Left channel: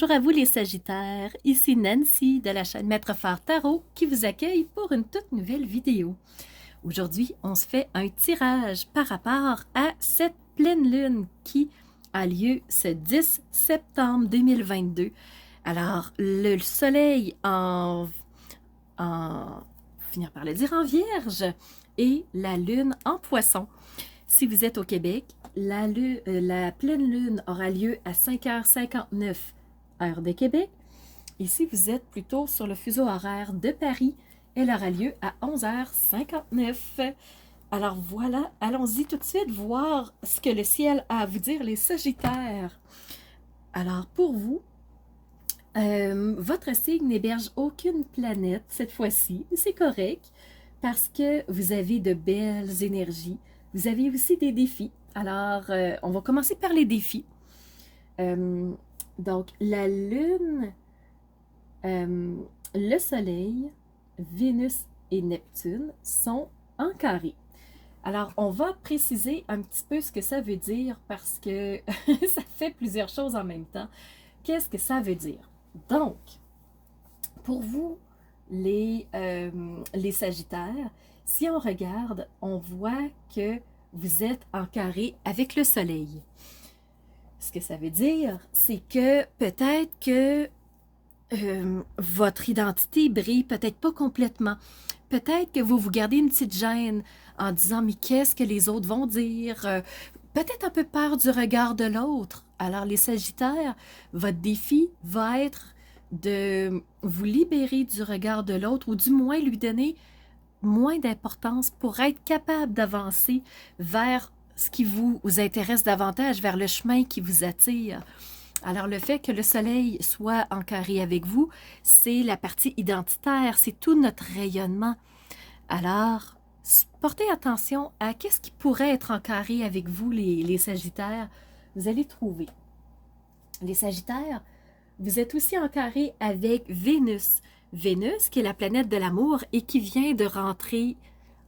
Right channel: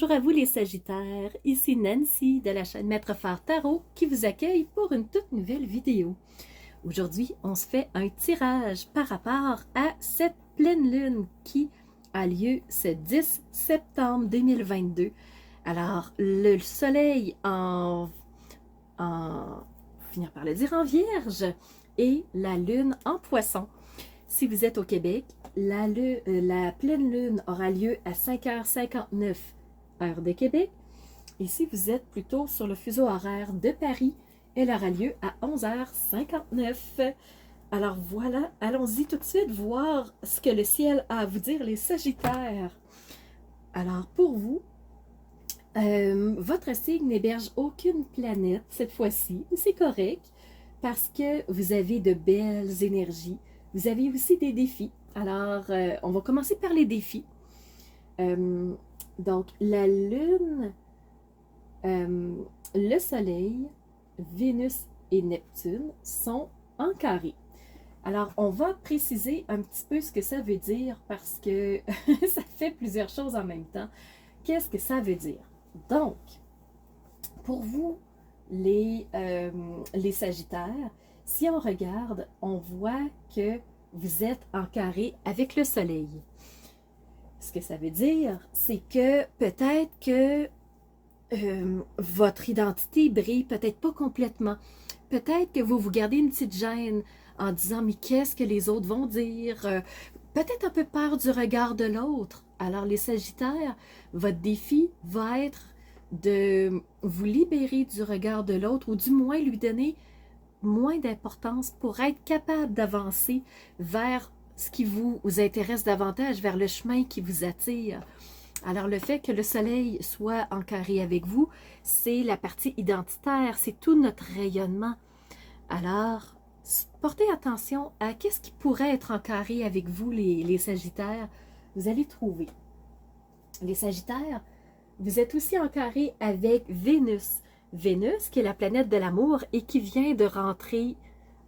Bonjour à vous les Sagittaires, ici Nancy de la chaîne Maître Phare Tarot qui vous accueille pour une toute nouvelle vidéo. Aujourd'hui, on se fait un tirage par rapport à cette pleine lune qui a lieu ce 10 septembre 2022. Alors, le soleil finir par le dire, en Vierge et la lune en Poisson. Si vous êtes au Québec, la pleine lune aura lieu à 5h59 heure de Québec. Et si vous êtes plutôt sur le fuseau horaire de Paris, elle aura lieu à 11h59. Alors voilà, allons-y tout de suite voir ce que le ciel a à vous dire, les Sagittaires. Alors pour vous, votre signe n'héberge aucune planète cette fois-ci. C'est correct parce que vous avez de belles énergies. Vous avez aussi des défis. Alors, on va commencer par les défis. Donc, la Lune, le Soleil, Vénus et Neptune sont en carré. Alors, on va préciser un petit peu ce que ça veut dire parce que ça fait plusieurs choses en même temps. Qu'est-ce que ça veut dire? Donc, pour vous, les Sagittaires, si on regarde, on voit que vous êtes en carré avec le Soleil. Ce que ça veut dire, c'est que peut-être que votre identité brille peut-être pas complètement. Peut-être que vous vous gardez une petite gêne en disant « mais qu'est-ce que les autres vont dire? » Peut-être un peu peur du regard de l'autre. Alors les Sagittaires, votre défi va être de vous libérer du regard de l'autre ou du moins lui donner moins d'importance pour être capable d'avancer vers ce qui vous intéresse davantage, vers le chemin qui vous attire. Alors le fait que le soleil soit en carré avec vous, c'est la partie identitaire, c'est tout notre rayonnement. Alors, portez attention à qu'est-ce qui pourrait être en carré avec vous, les Sagittaires. Vous allez trouver. Les Sagittaires, vous êtes aussi en carré avec Vénus. Vénus, qui est la planète de l'amour et qui vient de rentrer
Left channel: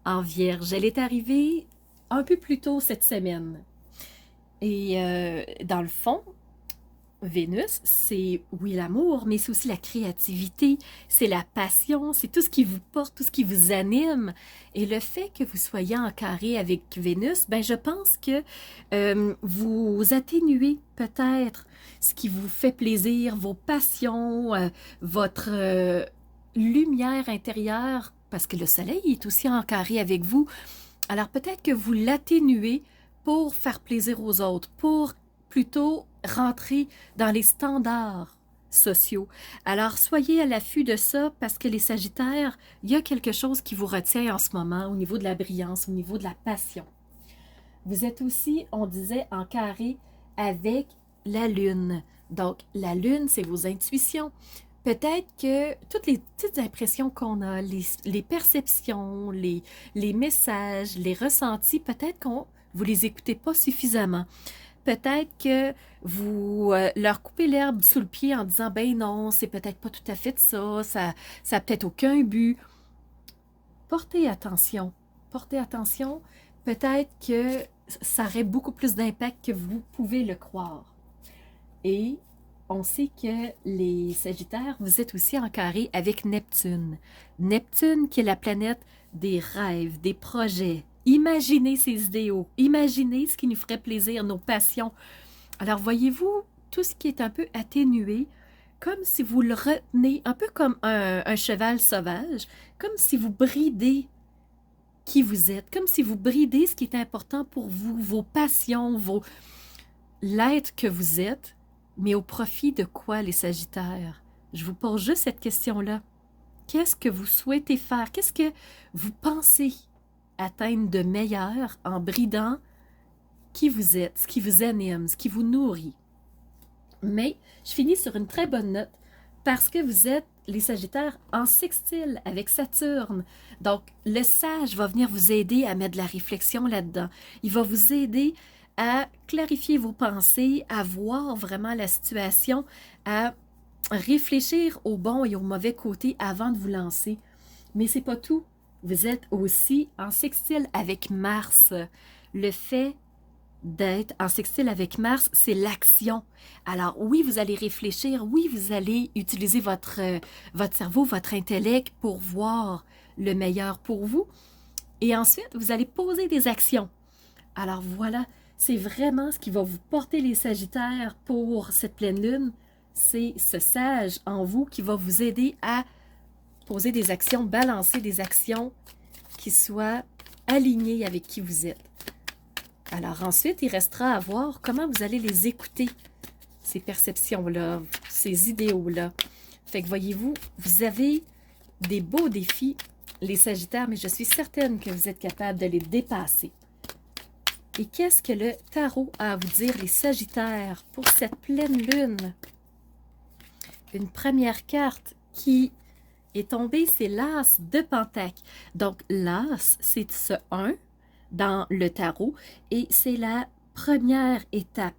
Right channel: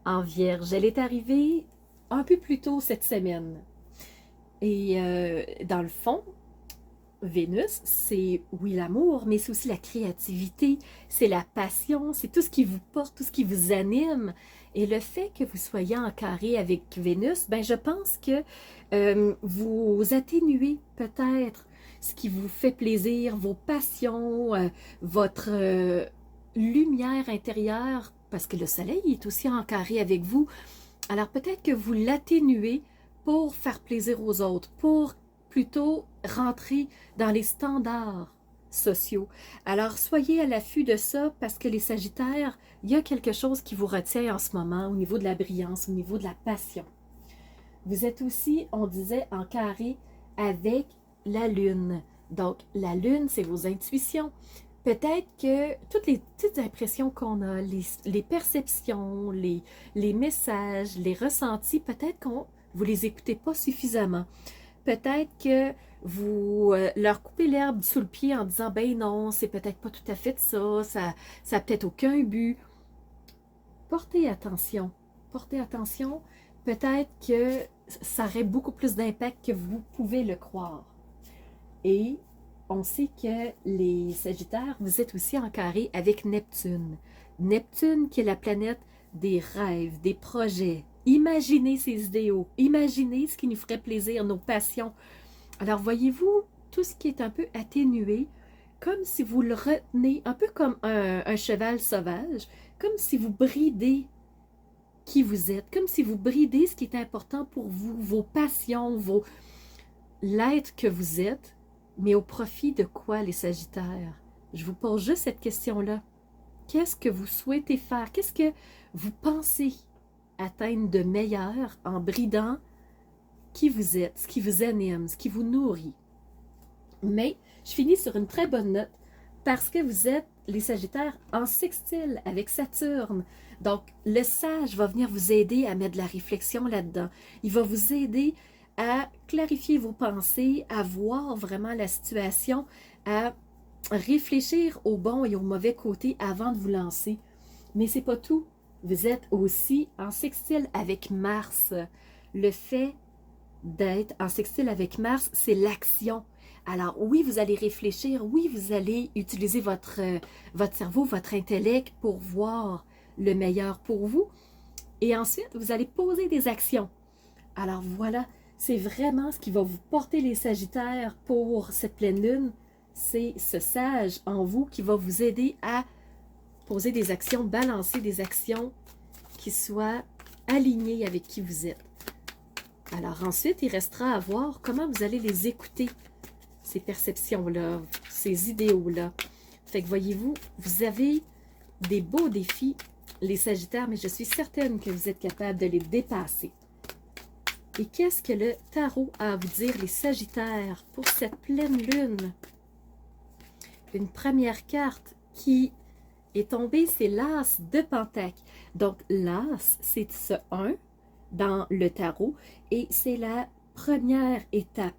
en Vierge. Elle est arrivée un peu plus tôt cette semaine. Et dans le fond, Vénus, c'est oui l'amour, mais c'est aussi la créativité, c'est la passion, c'est tout ce qui vous porte, tout ce qui vous anime. Et le fait que vous soyez en carré avec Vénus, ben je pense que vous atténuez peut-être ce qui vous fait plaisir, vos passions, votre lumière intérieure, parce que le soleil est aussi en carré avec vous. Alors peut-être que vous l'atténuez pour faire plaisir aux autres, pour plutôt rentrer dans les standards sociaux. Alors, soyez à l'affût de ça parce que les Sagittaires, il y a quelque chose qui vous retient en ce moment au niveau de la brillance, au niveau de la passion. Vous êtes aussi, on disait, en carré avec la Lune. Donc, la Lune, c'est vos intuitions. Peut-être que toutes les petites impressions qu'on a, les perceptions, les messages, les ressentis, peut-être qu'on vous les écoutez pas suffisamment. Peut-être que vous leur coupez l'herbe sous le pied en disant « ben non, c'est peut-être pas tout à fait ça, ça a peut-être aucun but. » Portez attention. Portez attention. Peut-être que ça aurait beaucoup plus d'impact que vous pouvez le croire. Et on sait que les Sagittaires, vous êtes aussi en carré avec Neptune. Neptune qui est la planète des rêves, des projets. Imaginez ces idéaux, imaginez ce qui nous ferait plaisir, nos passions. Alors voyez-vous, tout ce qui est un peu atténué, comme si vous le retenez, un peu comme un cheval sauvage, comme si vous bridez qui vous êtes, comme si vous bridez ce qui est important pour vous, vos passions, l'être que vous êtes, mais au profit de quoi les Sagittaires? Je vous pose juste cette question-là. Qu'est-ce que vous souhaitez faire? Qu'est-ce que vous pensez atteindre de meilleur en bridant qui vous êtes, ce qui vous anime, ce qui vous nourrit? Mais je finis sur une très bonne note parce que vous êtes, les Sagittaires, en sextile avec Saturne. Donc, le sage va venir vous aider à mettre de la réflexion là-dedans. Il va vous aider à clarifier vos pensées, à voir vraiment la situation, à réfléchir au bon et au mauvais côté avant de vous lancer. Mais c'est pas tout. Vous êtes aussi en sextile avec Mars. Le fait d'être en sextile avec Mars, c'est l'action. Alors oui, vous allez réfléchir, oui, vous allez utiliser votre cerveau, votre intellect pour voir le meilleur pour vous. Et ensuite, vous allez poser des actions. Alors voilà, c'est vraiment ce qui va vous porter les Sagittaires pour cette pleine lune. C'est ce sage en vous qui va vous aider à poser des actions, balancer des actions qui soient alignées avec qui vous êtes. Alors ensuite, il restera à voir comment vous allez les écouter, ces perceptions-là, ces idéaux-là. Fait que voyez-vous, vous avez des beaux défis, les Sagittaires, mais je suis certaine que vous êtes capable de les dépasser. Et qu'est-ce que le tarot a à vous dire, les Sagittaires, pour cette pleine lune? Une première carte qui est tombée, c'est l'As de Pentacle. Donc, l'As, c'est ce 1 dans le tarot et c'est la première étape.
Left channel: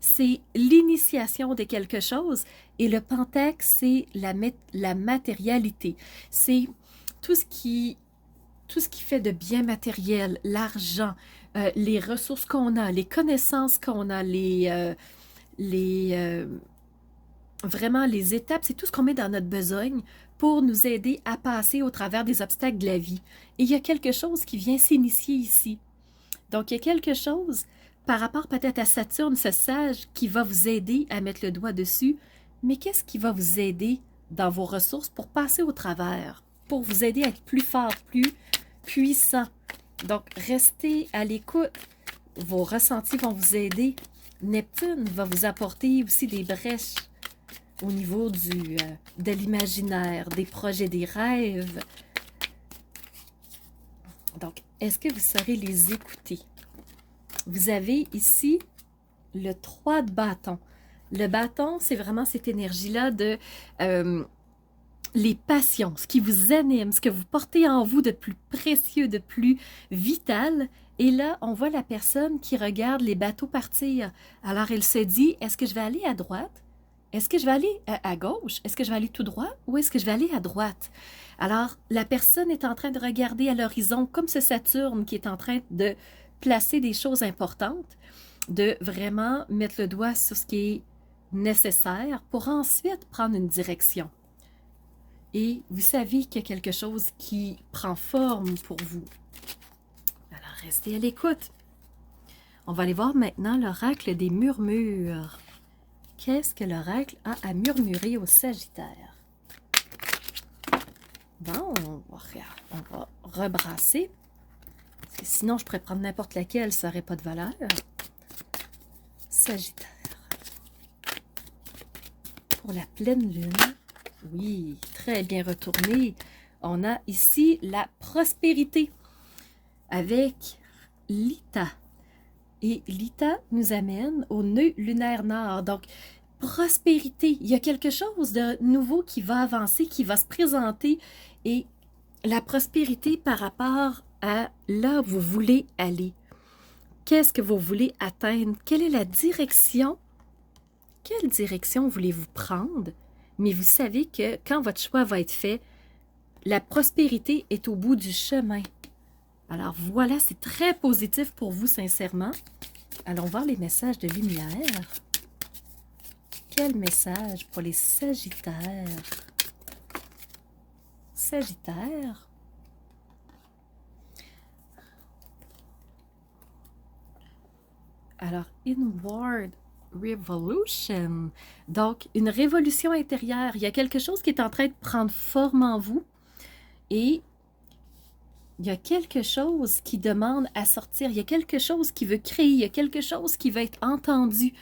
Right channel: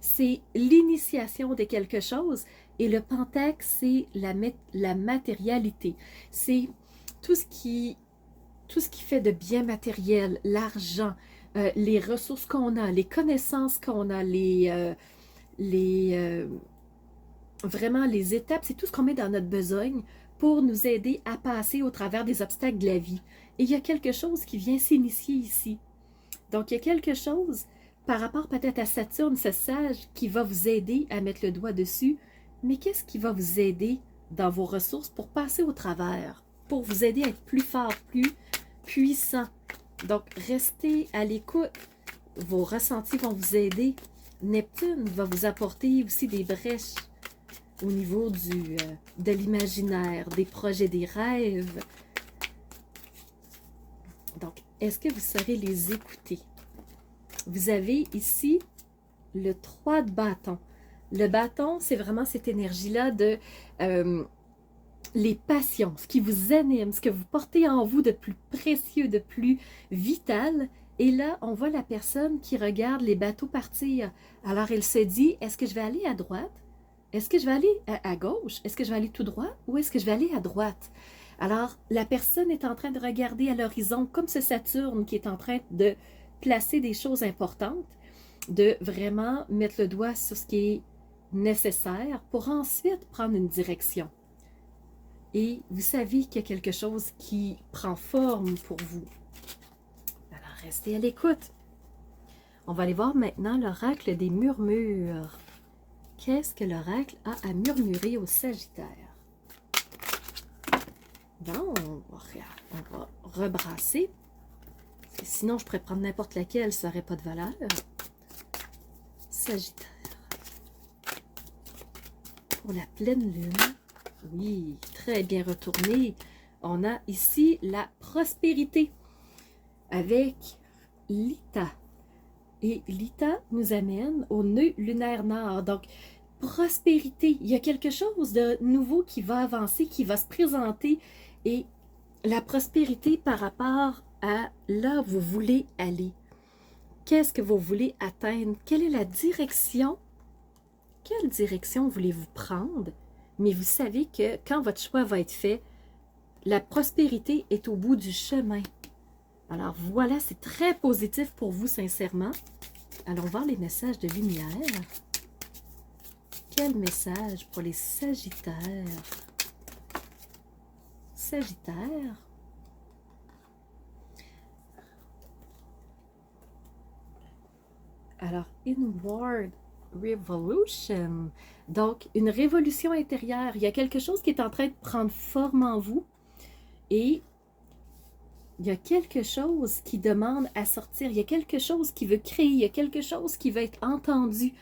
C'est l'initiation de quelque chose et le Pentacle, c'est la matérialité. C'est tout ce qui fait de bien matériel, l'argent, les ressources qu'on a, les connaissances qu'on a, vraiment les étapes, c'est tout ce qu'on met dans notre besogne pour nous aider à passer au travers des obstacles de la vie. Et il y a quelque chose qui vient s'initier ici. Donc, il y a quelque chose par rapport peut-être à Saturne, ce sage, qui va vous aider à mettre le doigt dessus. Mais qu'est-ce qui va vous aider dans vos ressources pour passer au travers, pour vous aider à être plus fort, plus puissant? Donc, restez à l'écoute. Vos ressentis vont vous aider. Neptune va vous apporter aussi des brèches au niveau de l'imaginaire, des projets, des rêves. Donc, est-ce que vous saurez les écouter? Vous avez ici le 3 de bâton. Le bâton, c'est vraiment cette énergie-là de les passions, ce qui vous anime, ce que vous portez en vous de plus précieux, de plus vital. Et là, on voit la personne qui regarde les bateaux partir. Alors, elle se dit, est-ce que je vais aller à droite? Est-ce que je vais aller à gauche? Est-ce que je vais aller tout droit? Ou est-ce que je vais aller à droite? Alors, la personne est en train de regarder à l'horizon comme ce Saturne qui est en train de placer des choses importantes, de vraiment mettre le doigt sur ce qui est nécessaire pour ensuite prendre une direction. Et vous savez qu'il y a quelque chose qui prend forme pour vous. Alors, restez à l'écoute. On va aller voir maintenant l'oracle des murmures. Qu'est-ce que l'oracle a à murmurer au Sagittaire? Bon, on va rebrasser. Parce que sinon, je pourrais prendre n'importe laquelle, ça n'aurait pas de valeur. Sagittaire. Pour la pleine lune, oui, très bien retourné. On a ici la prospérité avec l'Ita. Et l'Ita nous amène au nœud lunaire nord. Donc, prospérité. Il y a quelque chose de nouveau qui va avancer, qui va se présenter. Et la prospérité par rapport à là où vous voulez aller. Qu'est-ce que vous voulez atteindre? Quelle est la direction? Quelle direction voulez-vous prendre? Mais vous savez que quand votre choix va être fait, la prospérité est au bout du chemin. Alors voilà, c'est très positif pour vous, sincèrement. Allons voir les messages de lumière. Quel message pour les Sagittaires? Sagittaire. Alors, Inward Revolution. Donc, une révolution intérieure. Il y a quelque chose qui est en train de prendre forme en vous. Et il y a quelque chose qui demande à sortir. Il y a quelque chose qui veut créer. Il y a quelque chose qui veut être entendu.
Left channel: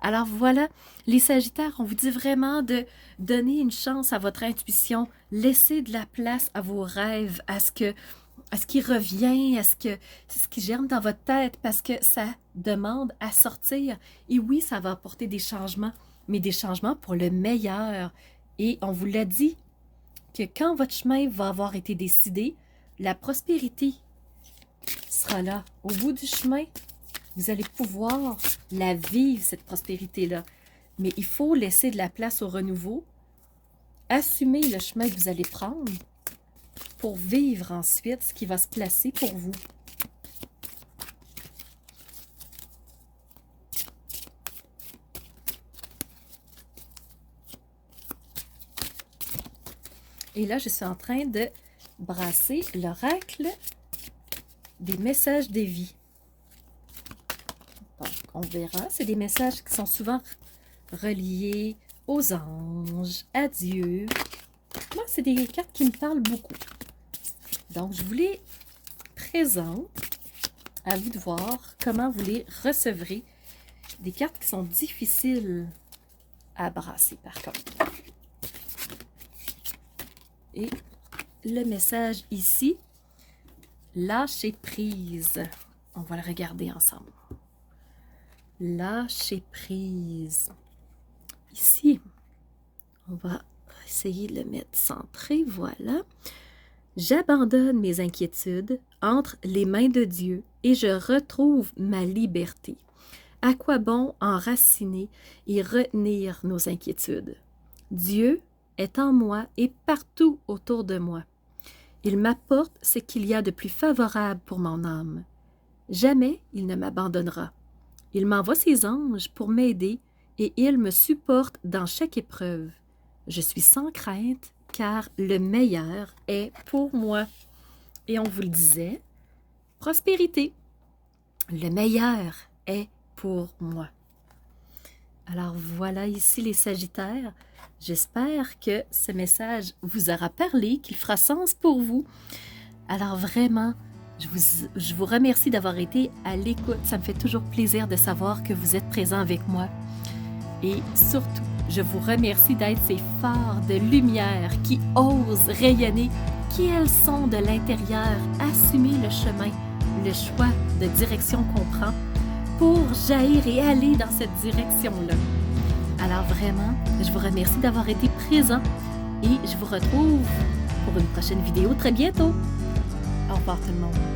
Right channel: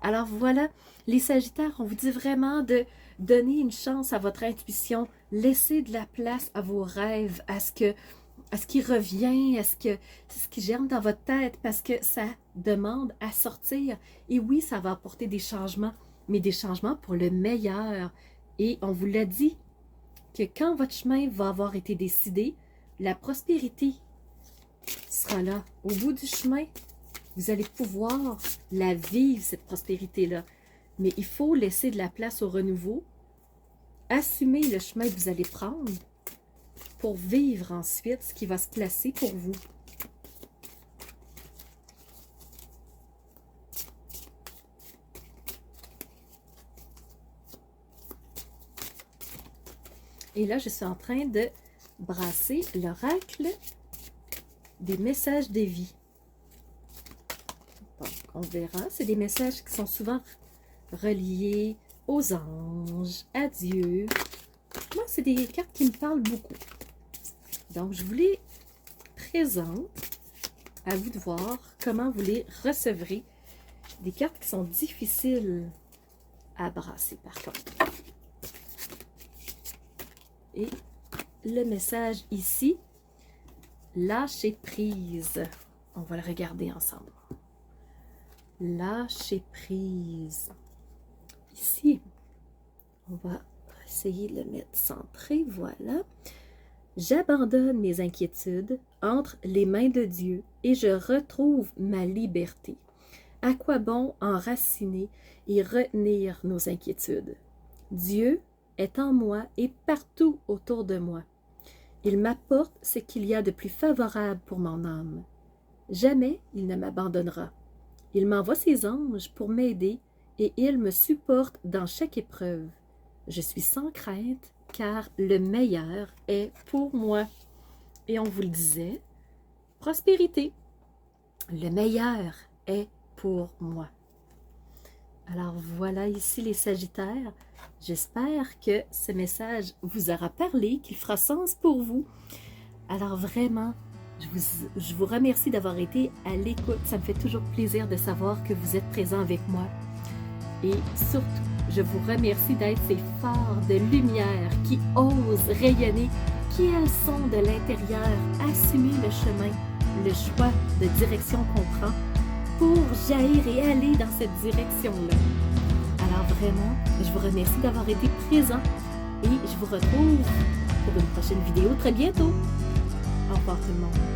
Alors voilà, les Sagittaires, on vous dit vraiment de donner une chance à votre intuition. Laissez de la place à vos rêves, à ce qui revient, à ce qui germe dans votre tête, parce que ça demande à sortir. Et oui, ça va apporter des changements, mais des changements pour le meilleur. Et on vous l'a dit, que quand votre chemin va avoir été décidé, la prospérité sera là. Au bout du chemin, vous allez pouvoir la vivre, cette prospérité-là. Mais il faut laisser de la place au renouveau, assumer le chemin que vous allez prendre pour vivre ensuite ce qui va se placer pour vous. Et là, je suis en train de brasser l'oracle des messages des vies. Donc, on verra, c'est des messages qui sont souvent reliés aux anges, à Dieu. Moi, c'est des cartes qui me parlent beaucoup. Donc, je vous les présente. À vous de voir comment vous les recevrez. Des cartes qui sont difficiles à brasser, par contre. Et le message ici, lâcher prise. On va le regarder ensemble. Lâcher prise. Ici, on va essayer de le mettre centré. Voilà. J'abandonne mes inquiétudes entre les mains de Dieu et je retrouve ma liberté. À quoi bon enraciner et retenir nos inquiétudes? Dieu est en moi et partout autour de moi. Il m'apporte ce qu'il y a de plus favorable pour mon âme. Jamais il ne m'abandonnera. Il m'envoie ses anges pour m'aider et il me supporte dans chaque épreuve. Je suis sans crainte car le meilleur est pour moi. Et on vous le disait, prospérité, le meilleur est pour moi. Alors voilà ici les Sagittaires. J'espère que ce message vous aura parlé, qu'il fera sens pour vous. Alors vraiment, je vous remercie d'avoir été à l'écoute. Ça me fait toujours plaisir de savoir que vous êtes présents avec moi. Et surtout, je vous remercie d'être ces phares de lumière qui osent rayonner, qui elles sont de l'intérieur, assumer le chemin, le choix de direction qu'on prend pour jaillir et aller dans cette direction-là. Alors vraiment, je vous remercie d'avoir été présent et je vous retrouve pour une prochaine vidéo très bientôt. Au revoir tout le monde.